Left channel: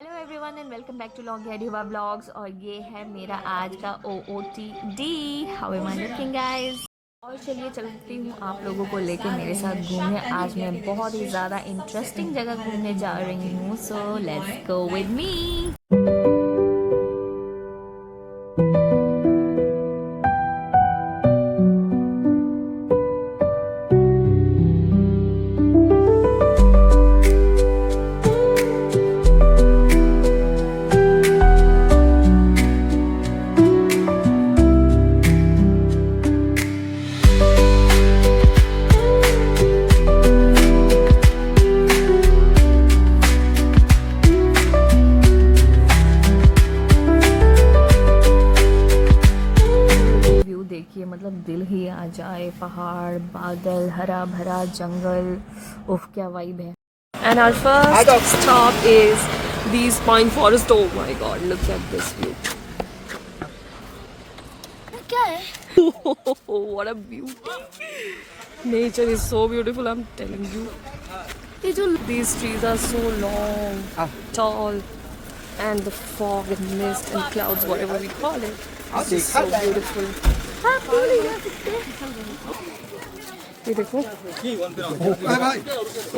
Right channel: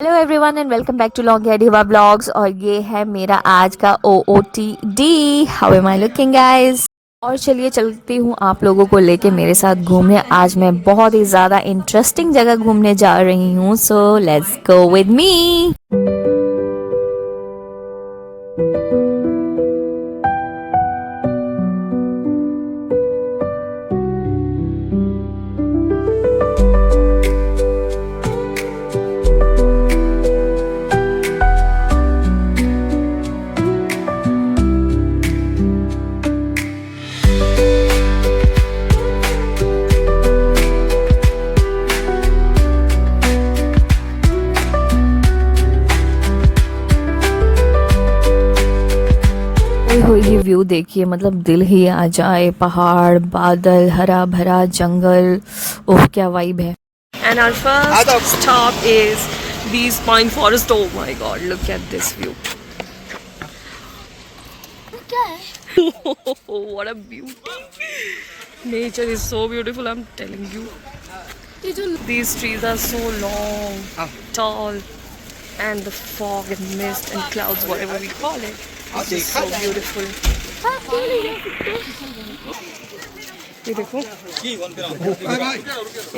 Hello everyone and welcome back to long हेडिवा blogs. और ये है मेरा आज का OOTD। How am I looking guys. और चलिए चलती हूँ आप लोगों को लेके मेरे साथ घूमने। आज मैं बहुत ही ज़्यादा इंटरेस्टिंग जगह घूमने जा रही हूँ, so let's go with me. View देखिए, मतलब दिल ही आ जाए। पहाड़, बादल, हरा भरा जंगल, ओह क्या वाइब है। And our first stop is these pine forest. Oh my god, look at this view. What a beauty. Nature is so beautiful, I'm telling you. These trees are so long, tall, and the fog and mist and clouds, whatever we call it, it's just so beautiful. ये देखो,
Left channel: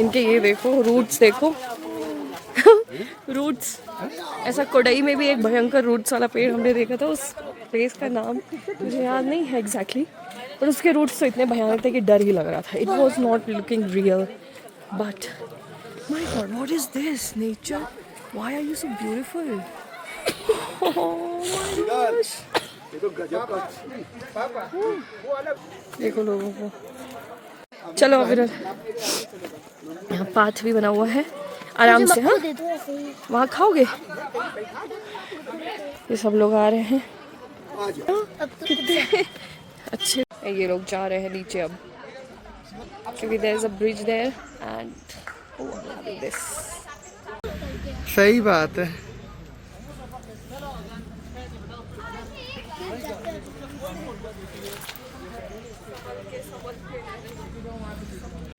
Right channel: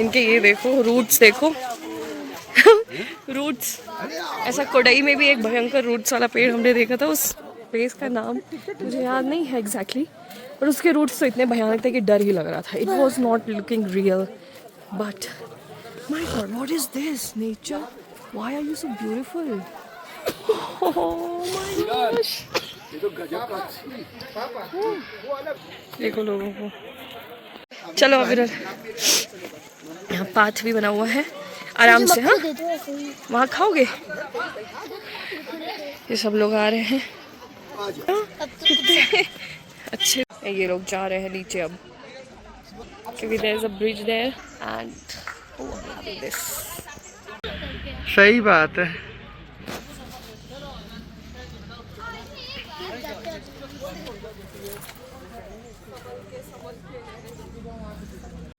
इनके ये देखो roots, देखो roots. ऐसा कोडई में भी एक भयंकर रूट्स वाला पेड़ हमने देखा था। उस प्लेस का नाम मुझे याद नहीं है एग्जैक्टली, पर उसके रूट्स तो इतने भयानक थे कि डर ही लग रहा था। It was not looking real, but my god, what is this nature, why are you so beautiful. देखो लोगों को। चलो अब इधर यहाँ पाथ भी बना हुआ है, आराम से। हाँ, वहाँ खाओगे? ये सब लोग आ रहे हैं। कितने अच्छे। ये लोग जा रहे हैं नीचे अब, क्योंकि there is a bridge there and this. सही बात है।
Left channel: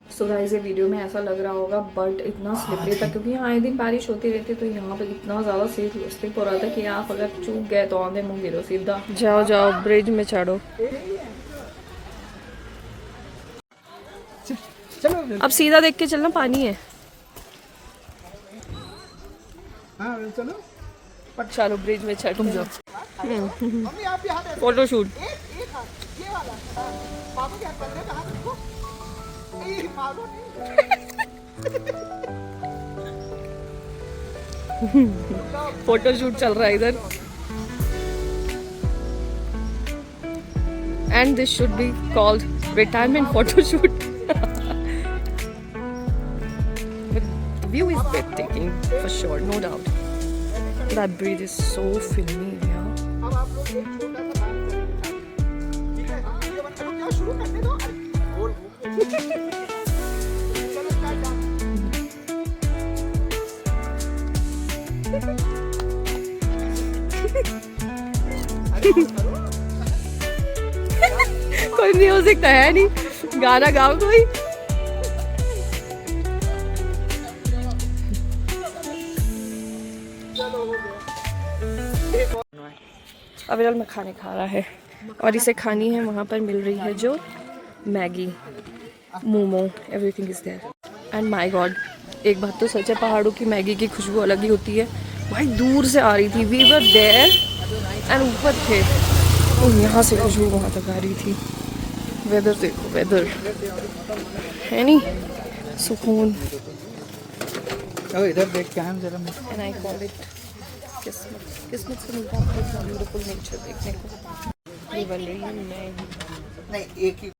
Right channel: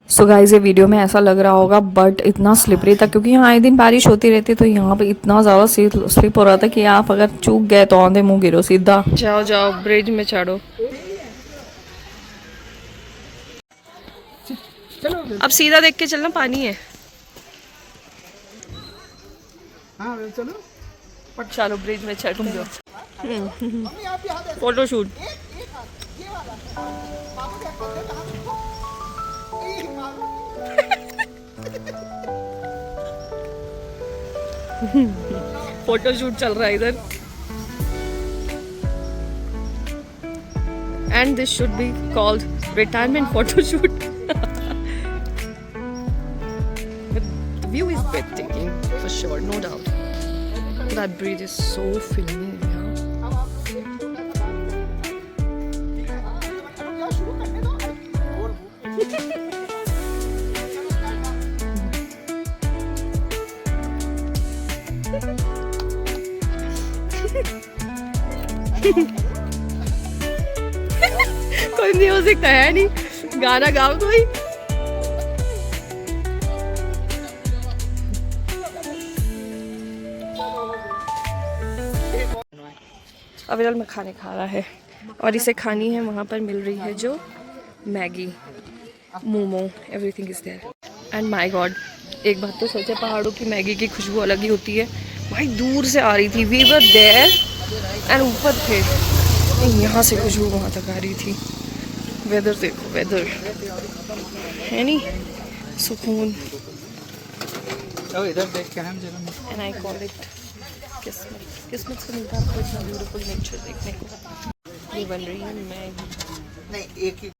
सो गाइस, ये वीडियो में ऐसा लग रहा होगा, बट इतना स्लिपरी था क्योंकि यहाँ आए दिन बारिश होती रहती है, तो यहाँ पे इतना ज़्यादा स्लिप हो रहा था कि आप अगर चूक गए तो आंधे मुंह गिरो सीधा। जाओ जाओ, ब्रिज में चढ़ो। अब सीधा देख के चलना, पानी है। चलो ब्रिज में चढ़ जाओ। Photo shoot. फोटो शूट चल रहा है इधर। And this should be called retirement photo shoot. View is breathtaking for sure, no doubt. That bridge is so filmy, yeah. कोई म्यूजिक तो है नहीं, गाना गाओ कोई। अविरल में खाने खा रहा है और इसे खानी है, वहाँ पर मिल रही है जो Maggi, momo, everything is there. And my god, एक बात तो सच है, पहाड़ों की मैगी की खुशबू अलग ही होती है। भाई दूर से आ रही थी, वी वर देयर एंड ऊपर थे, यहाँ से खुशबू वहाँ तक आ रही थी। वेदर देखो, वेदर है नहीं, सुकून। इधर देख के आए जरा। एंड आई कॉल इट किस्मत। किस्मत से मिलता है इतना ब्यूटीफुल नेचर देखने को। ये बन रही है मैगी।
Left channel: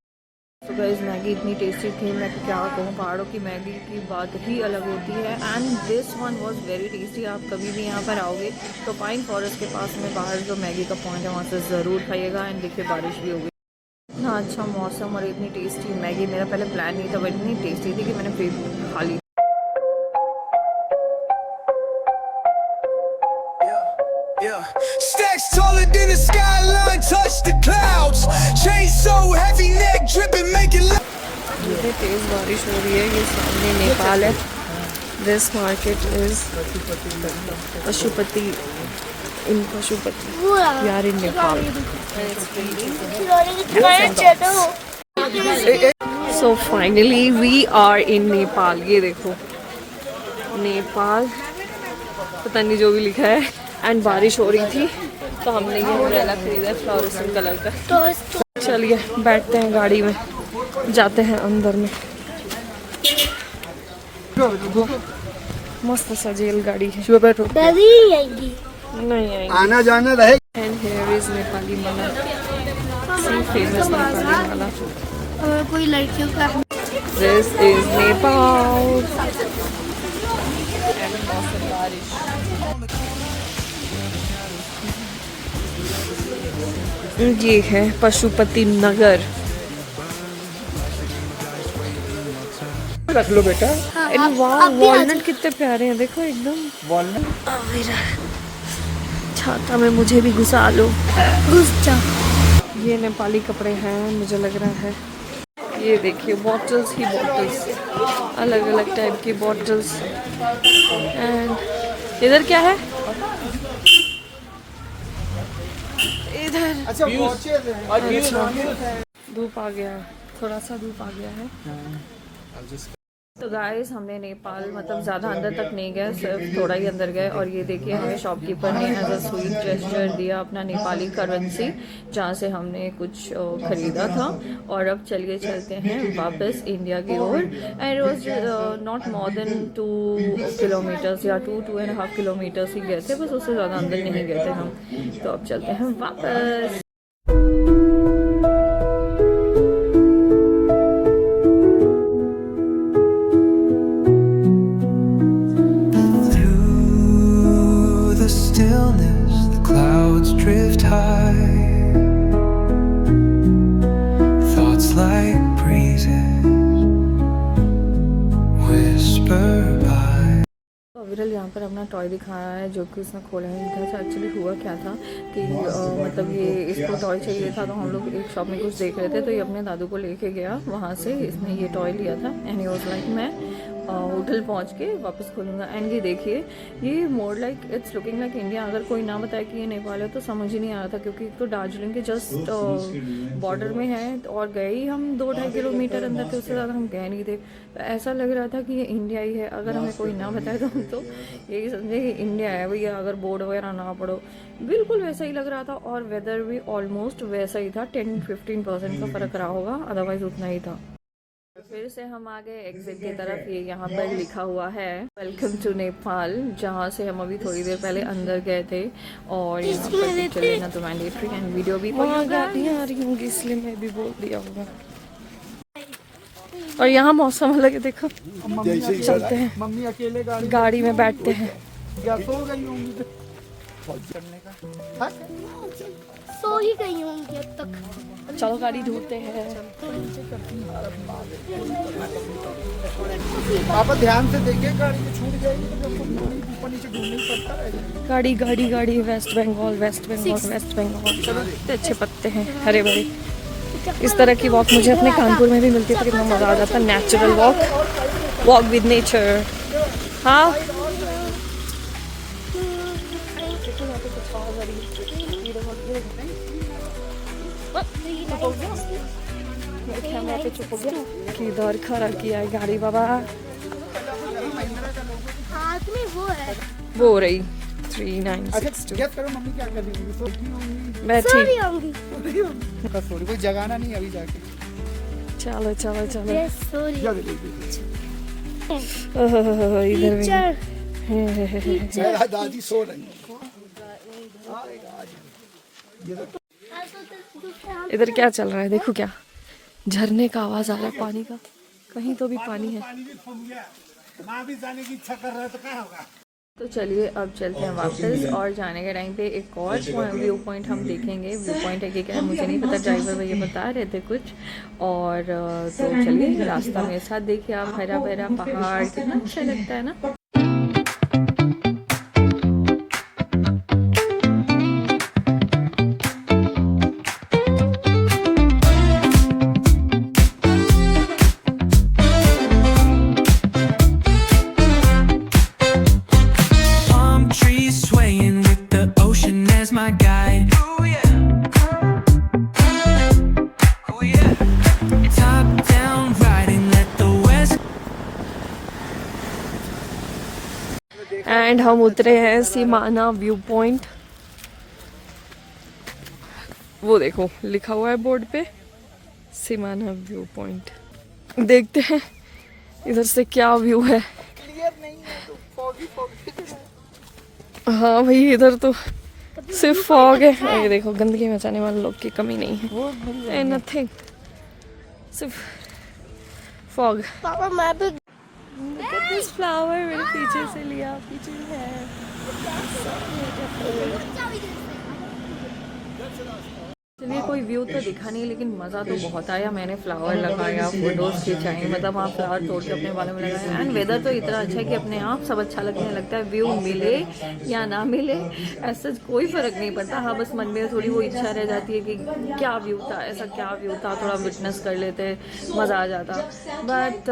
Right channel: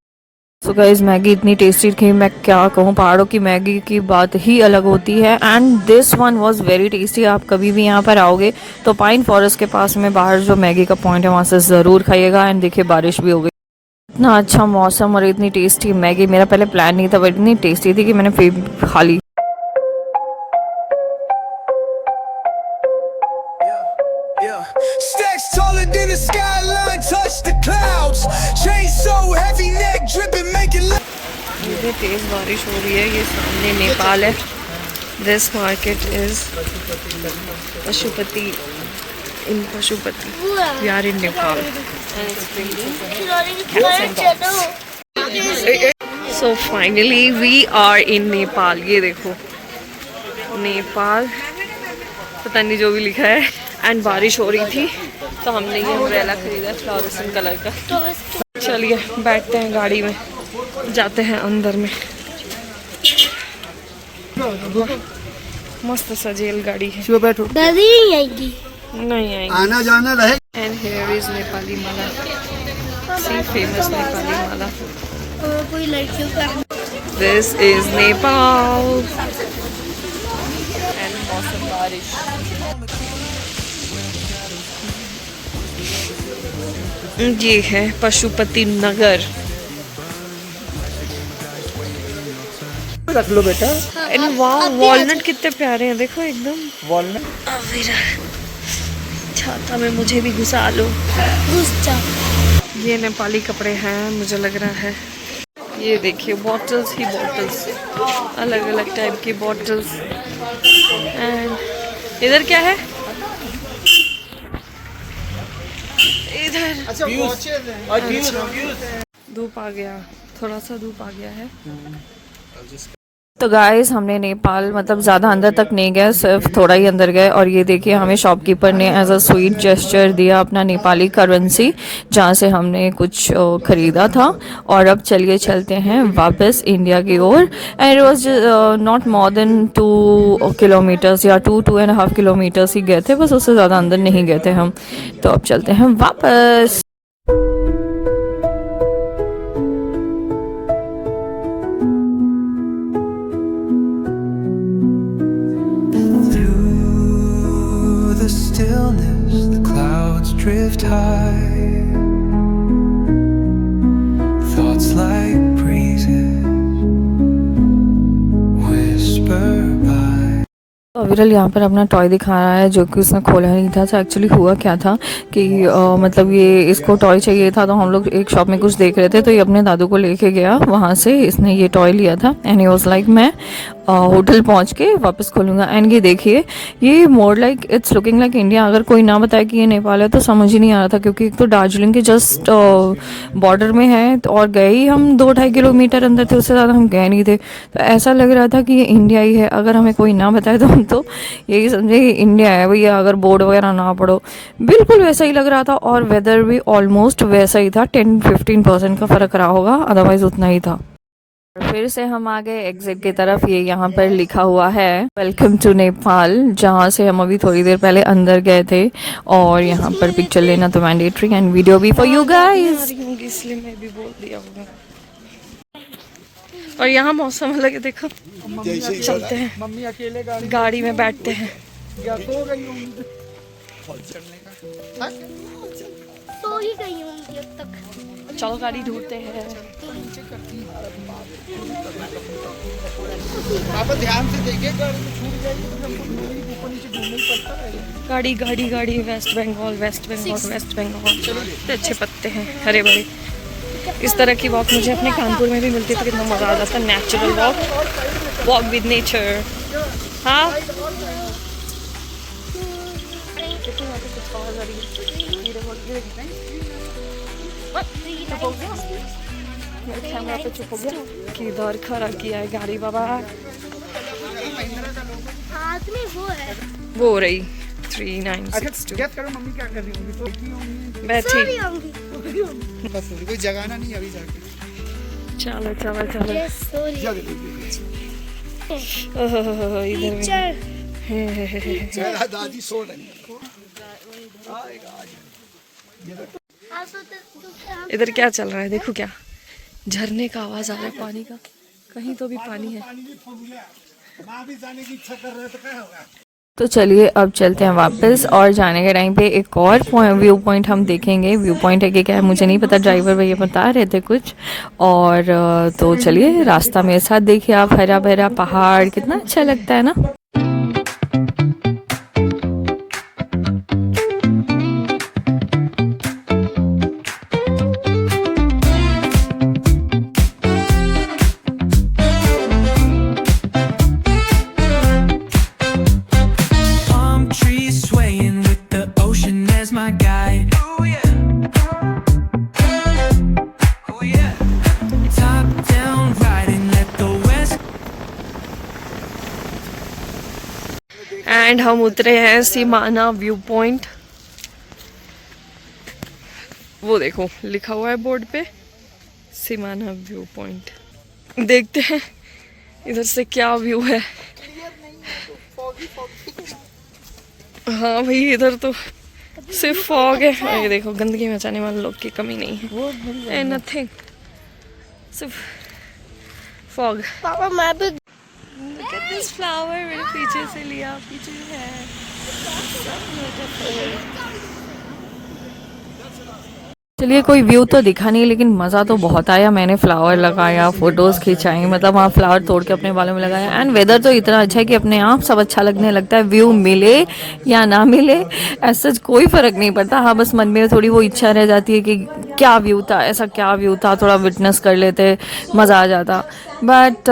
सो गाइस, मैगी इतनी टेस्टी थी, मैं क्या कहूँ। पहाड़ों की मैगी की बात ही अलग होती है। And this one was very tasty. आप कभी भी यहाँ पर आओगे तो पाइन फॉरेस्ट के पास में बाहर जो मैगी का पॉइंट है वहाँ से ज़रूर खाइएगा। एंड देखिए, बारिश भी हो गई, इतना अच्छा मौसम और इतनी टेस्टी मैगी। मेरा पहले प्लान नहीं था, बट इतनी टेस्टी थी कि मैंने फिर खा ली। Yeah. Stacks taller than the skyline, touch the clouds. Chain so heavy, neck dripping, make it. इतनी तेज बारिश हो रही है। ये सामने नेपाल है, This market is Pashupati. In Pashupati. We are in Nepal. So finally we are in Nepal. ये देखो नेपाल, पता नहीं जो भी लिखा है। एंड बारिश हो रही थी तो हमने ये अम्ब्रेला खरीदा है फ्लोरेसेंट कलर का। चलिए बैठते हैं गाड़ी में, जाते हैं अंदर में। मस्त सजेल गाड़ी है। नहीं आएंगी। आना जाना रहे। And here is Nepali mala, see famous Nepali mala. कोई लड़कियों का दिस इज नेपाल एंड मौसम बारिश। ये है पशुपति नगर। रख लो बेटा। एंड वाह, वॉलनट कितने प्यारे हैं, देखो एकदम। वॉलनट छाता में मुझे भी घुसा लो। घुस जाओ। ये नेपाली कपड़े हैं मुझे लग रहा है। ये देखिए बॉटल्स ही बॉटल्स, अलग अलग टाइप की बॉटल्स। एंड इधर क्या है? इधर अच्छा धूप आ गया, थोड़ा सा धूप आ गया है। तो गाइस हमने नेपाल मतलब ज़्यादा अंदर तक नहीं गए, सिर्फ थोड़ा ही अंदर गए। और ये देखिए हमें शॉपकीपर ने एज अ स्वीट जेस्चर दिया अपना नेपाली करेंसी, जहाँ से हमने कुछ ख़रीदा था। और अब चलिए चलते हैं वापस इंडिया की ओर। And it was not more than 2 kilometres या 2.5 किलोमीटर्स ही गए थे, बस उससे ज़्यादा अंदर नहीं गए थे हम। तो अब चलते हैं वापस। The stillness, the clouds drift high. Thoughts like breezes whisper by. विरल यहाँ पर अपना टॉय दिखा रहा है जो कि उसने खोला नहीं था। तो एक्चुअली हुआ क्या था कि मतलब ये इसको टॉय चाहिए था, तो हम लोग एक शॉप में कुछ देख रहे थे, तो ये अपने दादू को लेके गया वहाँ से। इसने ये टॉय लिया था एंड ही वाज लाइक मैं होटल पहुँच के वापस खोलूँगा। एंड ये देखिए ये more like it's looking like India. अगर कोई ना बताए कि ये नेपाल है तो समझ ही नहीं आ रहा था, क्योंकि एक तो दार्जिलिंग के जस्ट बॉर्डर में है और गए ही हम 2-2.5 किलोमीटर अंदर थे, उससे ज़्यादा हम गए नहीं थे। तो ऐसा लग रहा था कि ये इंडिया ही है। अगर हमें कोई ना बताए तो हम तो यही समझे कि इंडिया है भैया, अगर बोर्ड वगैरह ना पढ़ो। बिल्कुल वैसा ही लग रहा था और वेदर भी ऑलमोस्ट वैसा ही था। 10-15% का फ़र्क रहा होगा, अदरवाइज उतना ही था। फिर से हम आ गए एग्जिट की तरफ। ये यहाँ पर लिखा हुआ है वेलकम टू नेपाल, जहाँ से हम अभी थोड़ी देर पहले अंदर गए थे। और यहाँ पर पिक्चर लेना तो मैंडेटरी एंड वीडियो भी फॉर यू गाइस, इसलिए मैं भी बोल दिया होगा। और यहाँ मौसम अलग है, देखो। चलते हैं मम्मी अकेले गाड़ी में, बैठते हैं। सो ही गई होंगी अब तक। चलो गाड़ी ढूंढते हैं। पापा ध्यान से देखिए, गाड़ी में छूट जाएगी तो हमको ऊपर नीचे घूमना ही पड़ता है। गाड़ी गाड़ी गाड़ी, वेस्ट बंगाल वेस्ट बंगाल वेस्ट बंगाल। चलो इतने अच्छे पत्ते हैं, हरे भरे। इस तरह की वॉक मुझे अपने कानपुर में भी मिलती है तो कितना मज़ा आ जाता है। Natural walk with nature. हाँ देखो यहाँ पे कुछ आवाज़ आ रही है। मेरे कैमरा पे चुप हो गया कि इधर खड़ा किया है गाड़ी। बाबा हाथ में वो है, वो हो रही 3962। गेस करो मम्मी क्या कर रही होंगी? तो की होंगी, बैठी। सो रही होंगी। बस थोड़ी कोई जगाना नहीं अभी जाके। चलो चलो चलो। Yes, सो रही है। इधर टीचर दादी सो रही है। इधर क्या चल रहा है? देखो क्या झरने का आवाज आ रहा है, पानी का। कहीं तो भी पानी है। माँ भी जाने की इच्छा कर रहे तो क्या होगा? तो चलिए अब चलते हैं वापस। और जाने के टाइम पे एक और व्यू पॉइंट हम देखेंगे। व्यू पॉइंट है कि क्या है मुझे नहीं पता, ड्राइवर भैया बता रहे थे कुछ। और तो चलिए रास्ता मेरे साथ देखिए आप, हरा भरा पहाड़, कितना अच्छा लगता है ना। breeze swaying with the ocean as my guide. Oh yeah. Oh yeah. Top down riding, let the west. And हम उतरे हैं सीमाना व्यू पॉइंट। वो देखो लिखा हुआ है बोर्ड पे सीमाना व्यू पॉइंट। देखते हैं इधर से क्या व्यू है। हाँ भाई इधर तो सिर्फ फॉग है। और ये देखो गंदगी मचाने वाले लोग की कमी नहीं है। एंड नथिंग, सिर्फ फॉग। पापा मैं भी Look at this flower, मेरे पीछे से लिया, पीछे है। चलिए कोई व्यू तो दिखा नहीं लेकिन मज़ा तो बहुत आया। मैंने फ्लावर लगाया, फोटोज़ खिंचाई, मतलब वहाँ फ्लावर तोड़ के अपने बालों में लगाया। एंड वेदर तो इतना अच्छा है कि अपने आप सब अच्छा लगने लगता है। व्यू मिले या ना मिले ऐसा कोई फ़र्क नहीं पड़ता। हाँ बस मन में थोड़ी वो इच्छा रह जाती है कि क्या व्यू था, ऐसा क्या व्यू था, थोड़ा विटनेस कर लेते, मज़ा आ जाता। बट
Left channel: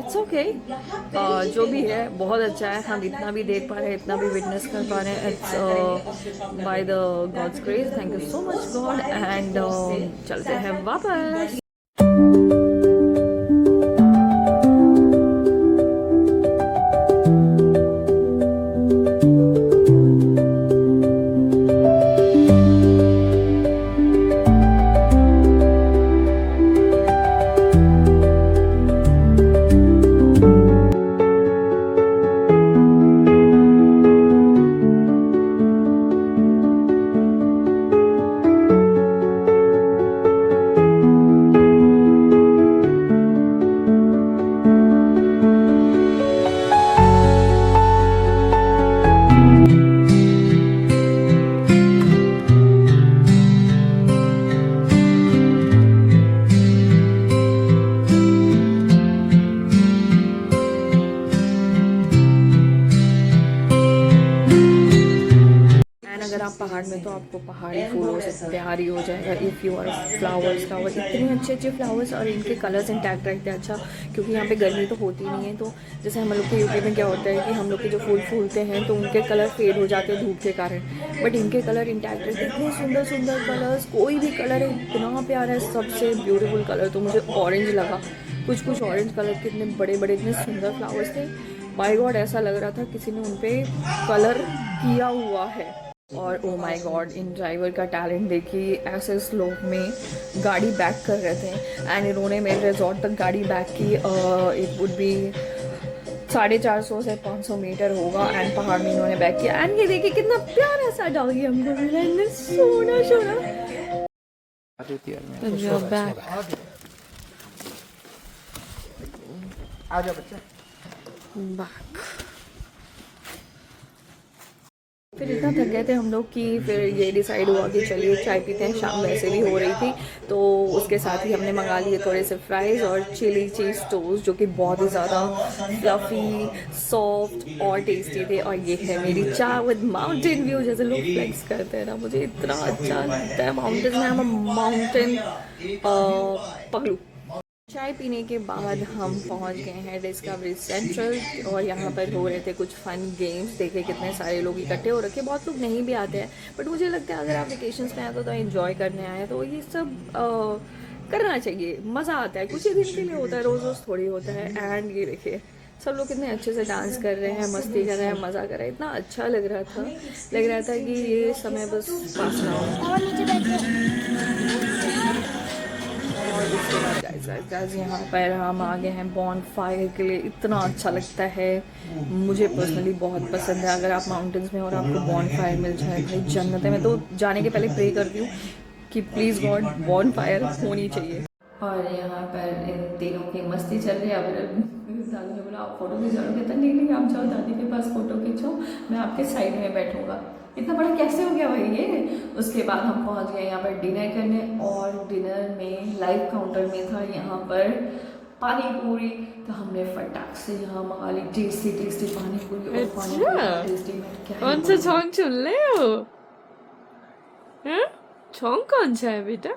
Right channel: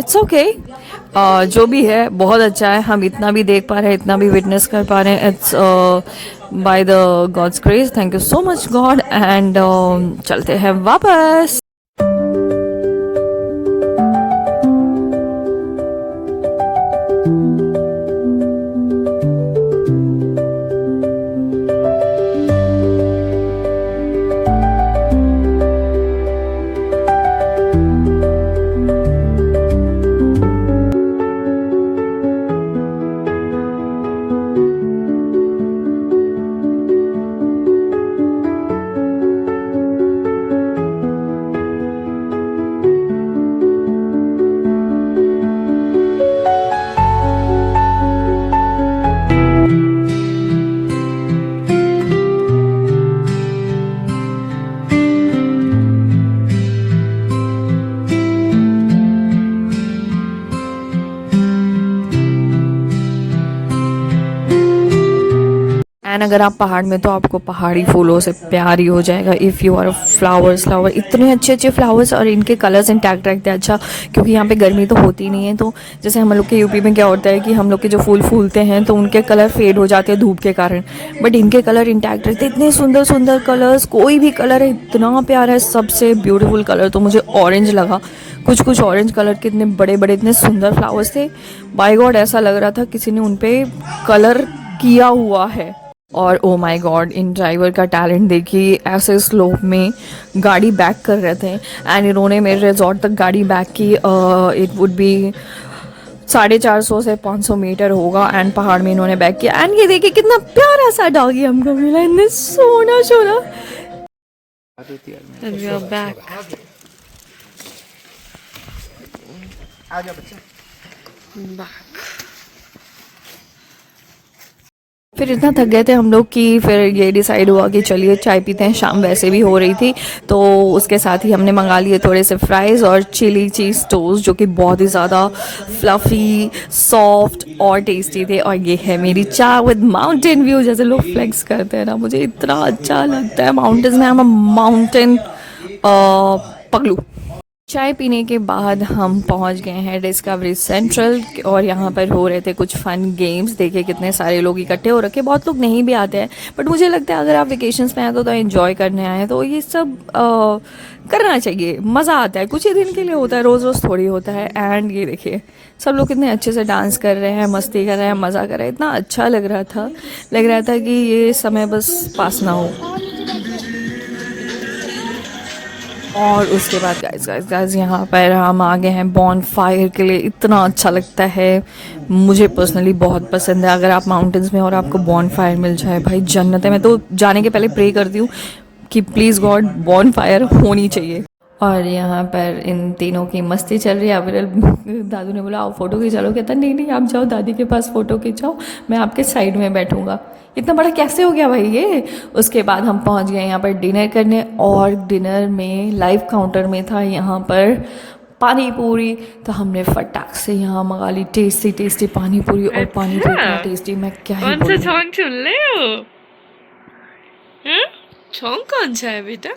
इट्स ओके, जो भी है बहुत अच्छा है। हम इतना भी देख पा रहे हैं, इतना भी विटनेस कर पा रहे हैं। It's by the gods grace, thank you so much God. And चलते हैं वापस। एंड अगर आप पहाड़ में तो आपको पहाड़ी फूलों से प्यार ही हो जाएगा। इफ़ यू आर फ्लावर्स इतने अच्छे अच्छे फ्लावर्स और इनके कलर्स इंटैक्ट रखते हैं। अच्छा क्योंकि यहाँ पे गर्मी तो होती नहीं है, तो जैसे हम लोग के यूपी में क्या होता है कि हम लोग के जो फूल फूलते हैं तो उनके कलर फेड हो जाते हैं धूप के कारण, बट इनके कलर इंटैक्ट रहते हैं। इतने सुंदर सुंदर कलर्स, कोई भी कलर है इतना प्यारा है। सबसे ब्यूटीफुल कलर तो मुझे ऑरेंज लगा। कुछ कुछ ऑरेंज कलर के इतने बड़े बड़े इतने सुंदर फ्लावर्स थे, बाय गॉड ऐसा लग रहा था किसी ने उन पे कलर किया हुआ है। और oh my God, in driver का टैलेंट देखिए, ऐसे स्लोप में गाड़ी बैक कर रहे थे एंड इन्होंने मेरे रिजॉर्ट तक गाड़ी बैक की। इट वुड बी 450 से 500 मीटर होगा एंड पहाड़ में इन्होंने बैक किया। एंड ये देखिए कितना प्यारा सा डॉगी हमको मिला, इतने सोना सोना। बैक आजा बच्चा। बैक फिर इतना थक गए थे हम लोग कि फिर ये डिसाइड हुआ कि चलिए चाय पीते हैं। शाम वैसे भी हो रही थी तो उसके साथ ही हमने मंगा लिए थोड़े से फ्राइज़ और चिली चीज़ टोस्ट जो कि बहुत ही ज़्यादा फ्लफ़ी, सॉफ्ट और टेस्टी थे। और ये है मेरी चाय विद माउंटेन व्यू। जैसे लोग फ्लेक्स करते हैं ना, मुझे इतना अच्छा लगता है माउंटेन्स में। हम माउंटेन पगलू। चाय पीने के बाद हम पहुंच गए हैं डिस्कवरी सेंट्रल और यहाँ पर हो रहे थे कुछ फ़न गेम्स। देखिए कितने सारे लोग इकट्ठे हो रखे, बहुत लोग नहीं भी आते हैं, बट मुझे लगता है अगर आप वेकेशंस में आए तो एंजॉय करने आए तो ये सब करना चाहिए। मज़ा आता है, कुछ ही दिन के लिए होता है, रोज़ रोज़ थोड़ी होता है। एंड ये देखिए सब लोग कितने अच्छे से डांस कर रहे हैं, मस्ती कर रहे हैं, मज़ा कर रहे हैं। इतना अच्छा लग रहा था कि ये समय बस पास ना हो। और उसके बाद गाइस यहाँ पर हम आ गए हैं बॉन फायर के लिए। इतना अच्छा लगता है, मुझे पर्सनली बहुत पसंद है। अगर आप माउंटेन्स में और आपको बॉन फायर मिल जाए, भाई जन्नत है। मैं तो जाने के पहले प्रे करती हूँ कि प्लीज़ गॉड बॉन फायर होनी चाहिए। और यहाँ पर इन तीनों की मस्ती चल रही है। अविरल दादू ने बोला आओ फ़ोटो खिंचा लो, कहता नहीं आप जाओ दादी के पास फ़ोटो खिंचाओ, मैं आपके साइड में बैठूँगा। इतना बड़ा कैसे हो गया भाई ये। उसके बाद हम पहुँच गए यहाँ पर डिनर करने और डिनर में लाइव काउंटर में था यहाँ पर पानी पूरी। तो हमने फटाक से यहाँ मंगा ली टेस्टी पानी पूरी। और पानी पूरी इतना टेस्टी, मैं क्या ही कौन सा बोलूं। सॉन्ग सुन ले हो? सॉन्ग कौन सा है बेटा?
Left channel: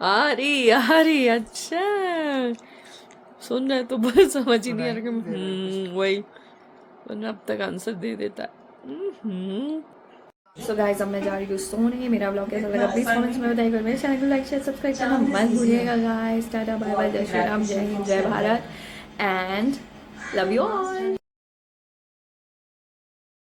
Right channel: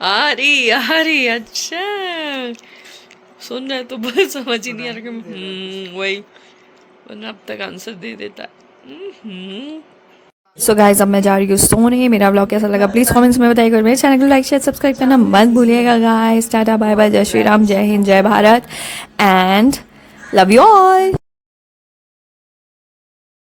अरे अच्छा सुन रहे तो बस समझ ही नहीं आ रहा कि वही, वरना अब तक आंसर दे देता है। सो गाइज अब मैं जा रही हूँ सोने। मेरा ब्लॉग कैसा लगा प्लीज़ कमेंट्स में बताइएगा और मेरे चैनल को लाइक शेयर सब्सक्राइब करना मत भूलिएगा गाइस। टाटा बाय बाय, जय श्री राम, जय हिंद, जय Bharat and love you all.